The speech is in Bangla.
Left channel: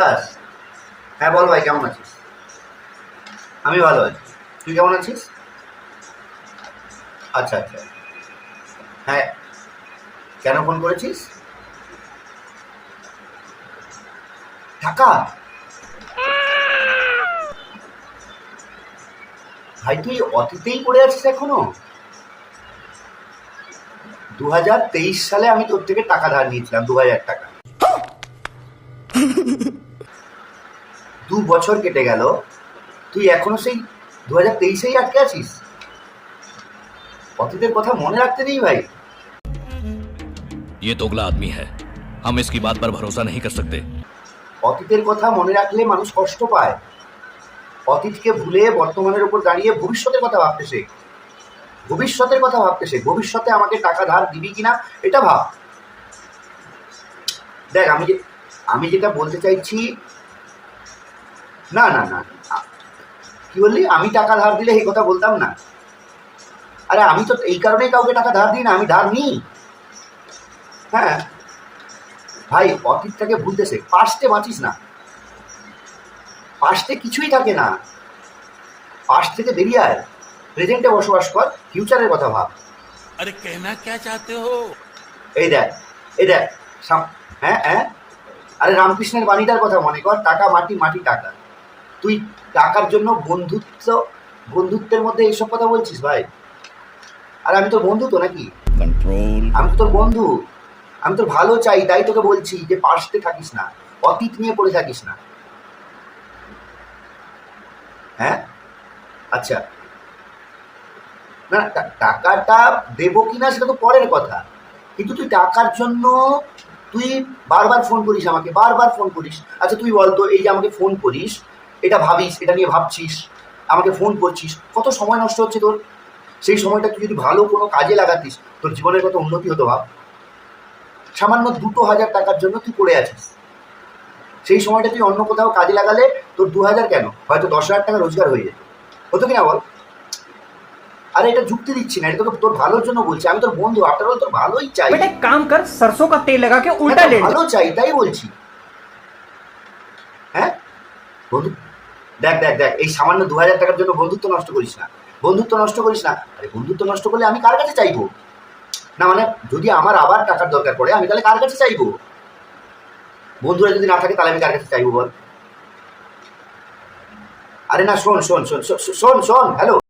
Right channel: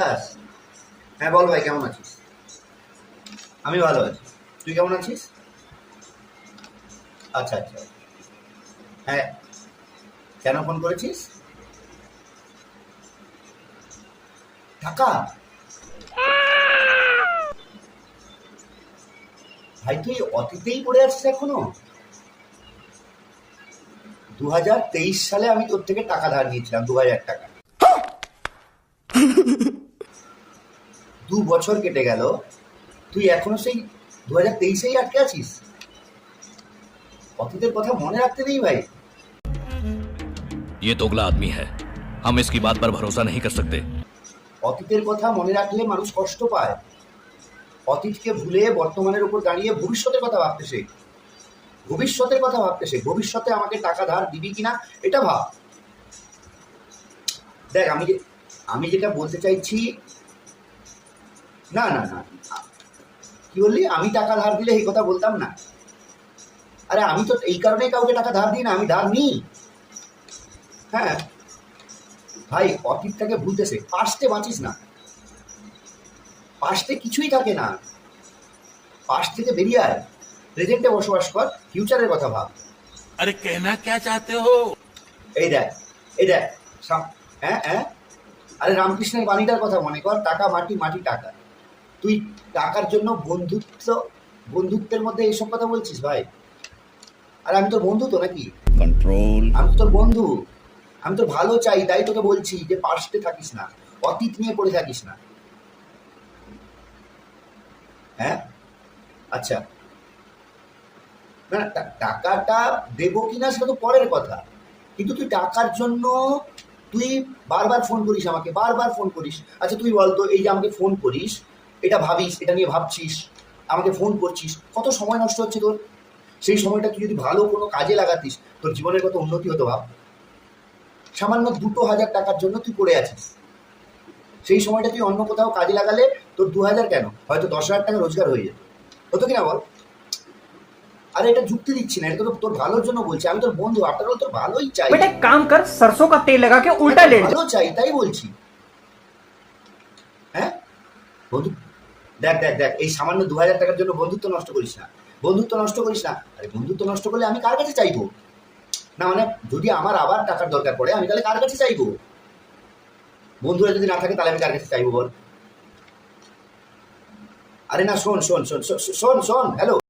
বিকাশ, হ্যাঁ বল ভাই, কেমন আছিস? আমি ভালো আছি, তুই কেমন আছিস? আচ্ছা আচ্ছা, হ্যাঁ, কেন ফোন করেছিস? টাকা? ভাই তুই অতীতেই পড়ে আছিস এখনো? 2023 সালে আমি তোর থেকে টাকা ধার নিয়েছিলাম, 2000 টাকা। 2 বছর কেটে গেল, তুই এখনো সেই 2023-এই আটকে আছিস? অতীতের কথা মনে রাখতে নেই ভাই। ये दोगला आदमी है, हम इसकी बात पर भरोसा नहीं कर सकते। অতীতের কথা মনে রাখলে মানুষ কষ্ট পায়। অতীতকে ভুলে বর্তমানের উপর দাঁড়িয়ে ভবিষ্যতের কথা ভাবতে শেখ। ভবিষ্যতের কথা ভাবতে শেখ। ভবিষ্যতে আমাকে টাকা ধার দিবি কিনা এটা ভাব। দেখ, আমি যেটা বলতে চাইছি, না না না, কি বললি? আমি টাকা ধার দিলে এই কথা বলতাম না। আরে আমি তো এই কারণেই কাউকে টাকা ধার দিই না, আমি ধার নিই। হ্যাঁ ভাই, অতীতটাকে ভুলতে শেখ, পাস্টে বাঁচিস না। পাস্টে কিছুই থাকে না, পাস্ট থেকে বেরিয়ে আয়, প্রেজেন্টে বসবাস কর, ফিউচারের কথা ভাব। अरे कहना क्या चाहते हो? এই দেখ, এই দেখ, হ্যাঁ হ্যাঁ, আরে রামকৃষ্ণের বাণীটার কথা মনে কর, টাকা মাটি, মাটি টাকা। তুই টাকার জন্য বন্ধুত্বের মধ্যে এইসব কথা বলছিস ভাই? আর আমি তোর বন্ধু তো নাকি? कंट्रोल। আমি তো তোর বন্ধু, আমি তোর ভালো চাই, তাই তোকে বলছি যে পাস্টে থাকিস না, অতীত নিয়ে পড়ে থাকিস না। হ্যাঁ আচ্ছা, না টাকাটা দেবো কিনা সেটা তো পরের কথা, কিন্তু তুই টাকার জন্য তুই বারবার ফোন করিস আমাকে, বারবার ফোন করিস। আচ্ছা তুই বলতো, এই যে আমাকে ফোন করিস, এটা ভাবিস, এটা নিয়ে ভাবছিস, আমাকে ফোন করছিস, কত সময় নষ্ট হচ্ছে তোর। সেই সময়টা তুই যদি ভালো কোনো কাজে লাগাতিস, তোর জীবনের কত উন্নতি হতো ভাব। সামান্য 2,000 টাকার জন্য তুই পড়ে আছিস। সেই সময়টা তুই অন্য কোথাও কাজে লাগালে তোর 2,000 কেন, হয়তো 10,000 টাকা রোজগার হয়ে যেত। হতো কিনা বল? আরে এটা যুক্তি দিচ্ছি না, এটা তোকে তোর ভালোর জন্য বলছি। আমি তোর বন্ধু, আফটার অল তোর ভালোই চাই। बेटा एक काम कर, सरसों का तेल लगा के उल्टा लेट जा। ভালো চাই তাই বলছি। হ্যাঁ বন্ধু, দেখ দেখ দেখ, এই সামান্য 2,000 টাকার জন্য বন্ধুত্ব নষ্ট করিস না, বন্ধুত্ব নষ্ট করিস না। আরে বন্ধুত্ব নষ্ট করলে আমি কার কাছে চাইবো? না মানে, যদি আমার আবার টাকার দরকার পড়ে, আমি তাহলে কার কাছে চাইবো? বন্ধুরা যদি না থাকে তাহলে আমি কার কাছে চাইবো বল? আরে না, শোন শোন শোন শোন শোন, হ্যালো।